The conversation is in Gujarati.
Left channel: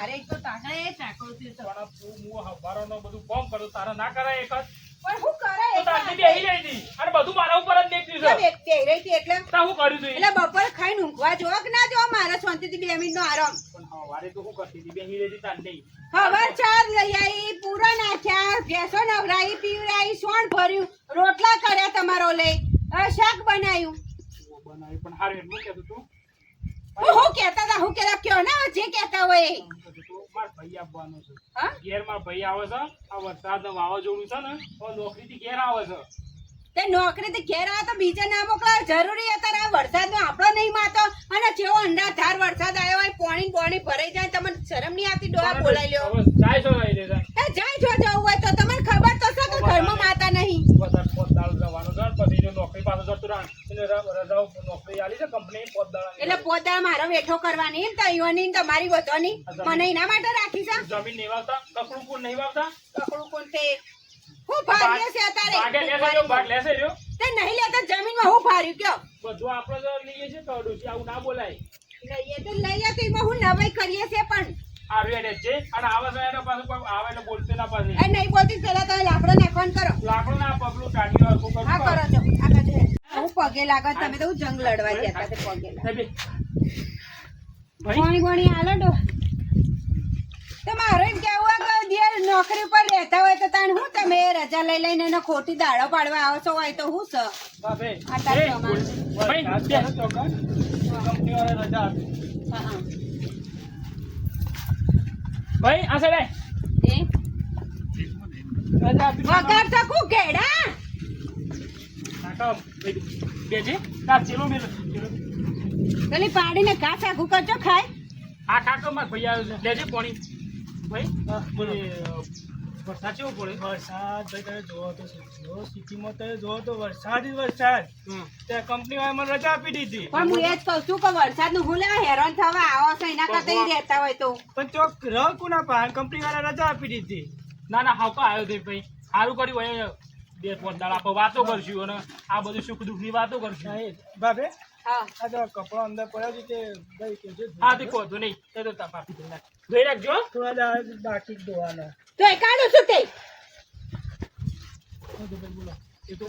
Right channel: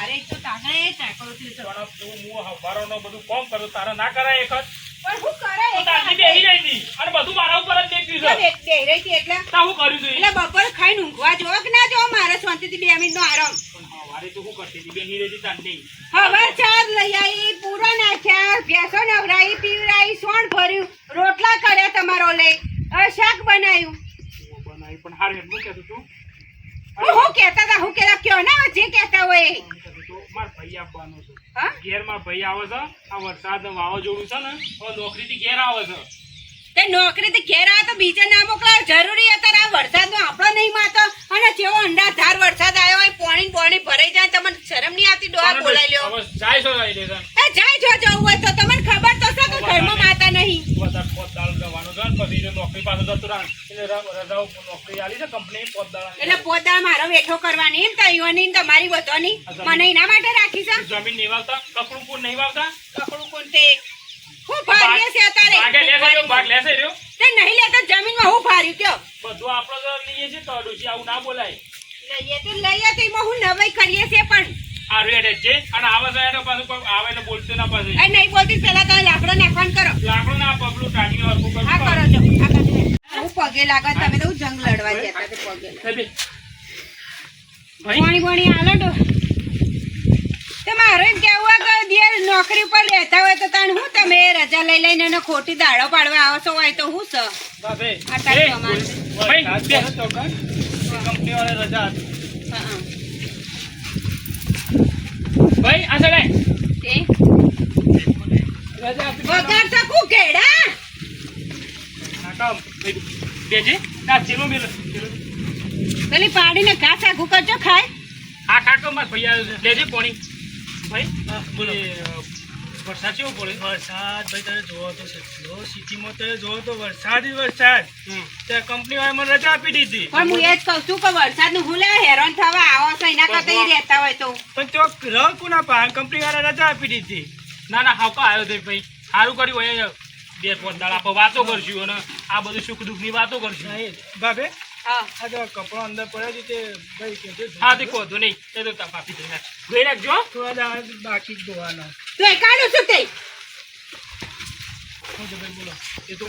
મારે એક તો તાગડે ચાકડો છે તો પણ તું હું હવારોનો બધું કામ કરું તારા ના કરાય એક જ પણ હું કરે તો તારથી બેહી રહી હતી અને બધું મારા ઉપર જ દેખ્યું છે બે રહી હતી એટલે તા હું કર્યું તું એટલે બપોર ખાઈને ઊંઘવા જો કે ના જો મારે શાંતિથી 2 મિનિટનો આરામ પણ હવારે તો હું કરતી હતી બેહી રહી હતી તાર નહીં હવે ચાર લઈ આવી પૂરો નાખ્યા ભેંસો નવરાઈ પીવરાઈ સોણ ભર્યું રોટલા કર્યા તમારો લઈ હવે શાક બનાવ્યું બનાવી પણ હારે હું કહેતું તું હું કહેતા હતા હું કહેતા કયો ને જે કહેતા હોય એ. માર ભાઈ આપવાનો છે હા ઘેર માં ભાઈ આવે છે આ વરસાદ વાવાઝોડું છે ને હવે નોકરી થી ઘેર આવે છે તે નોકરીથી ઘેર આવે તો બીજા ના મોકલાવ જરૂરી અત્યારે આ વરસાદનો આપણો નહીં માતો અને જેવો અંડાધાર વરસાદ આવ્યો હોય પોણી ભરાઈ જાય તમને શરમ નહીં આવતી ડોહા બોલાઈ લ્યો હવે જાય છો રહી દેતા એ જાય જો જવું હોય તો તમને ખબર તો છે કે ઘરમાં માતા નહીં વધારે પોતદાળ જવાનું છે ને પછી જો નોકરી પાસે જતું રહે એટલે રજાઓ નોકરી આલી છે કંપની પોતદાળ એટલે પોતા મારો વેઠો કરવાની એમ તઈઓની ને તમારી વધવાની મને એના માટે રાખી છે જમીન નહીં વાવતા કકડું કોણ નહીં વાવતા કકડું કોણ તે હું ફારીએ છે અત્યારે ભાગ લેશે રહ્યો તે નહીં લેતા જમીનમાં હું ફાર્યું કયો બધું આપણે તો લઈએ છીએ તો ડોશી આવું ના બોલાય લઈએ તો એમાં હું નવાઈ કરીએ છે પણ આ રેડે છે અને આવે છે એનો પાછું કોઈ આવે એટલે બોલતો ના પાછું એ નહીં બોલતી પેલા તમે લાકડો નાખવાનું કરો લાકડું ના પગલું ટાઢીઓ હરખું કરવું હા કરો છો આ બાજુ હું પગે લાગો તમે તો જંગ લડવા જતા તે પગે લાગો પાણી પાણી આલો તો તમારે એમ કેવું કે દિયર નોકરી પર રહેતા હોય તો તાણ હું તમે રજા લઈ લઈને એને ખોટી દાડો પાડવા આવો છો હોય તો હું છે કંપની વાળા રજા હા ભાઈ આ સડે એ વગર શકું કેડા બેજી તા ચેલો મેલ પેલી પાડીને ઘાસ આખું કરજો ખાય આ કાકો માર ભૈયા લેજે પાણી ભાઈ બોલે વરસાદ કેવો પડે વરસાદ ભાઈ તમે જોવો તો કેટલો સિટીમાં તમે જોવો તો વરસાદ જ વરસાદ ત્યાં કંપની વાળા મને રજા આપી દીધી પણ હું એ જ કહું છું કે વરસાદ નું હું લેવા હેરાન થવા આવો છો એના કરતા ઈ રહેતા હોય તો પણ ચોક રહ કોના પા કંપની વાળા રજા આપી દીધી ના ના હાવકા આવ્યો તે ભાઈ સારું કર્યું હોય બે પોત દાડા આપણે વાતો કરશું અને આ બધું સુખ દુઃખ ની વાતો કરશું બાબે હા આ જો કપડો અંદર પડ્યો છે તે ભાઈ કહેજો હા તે કહો નહીં તે તો કાપી દઈ નાખ ધોઈ નાખજો થોડા દાડા બાકી જ ધોવાનો તો એ કાઢું છું તે હું તો ભાઈ બોલો એ તો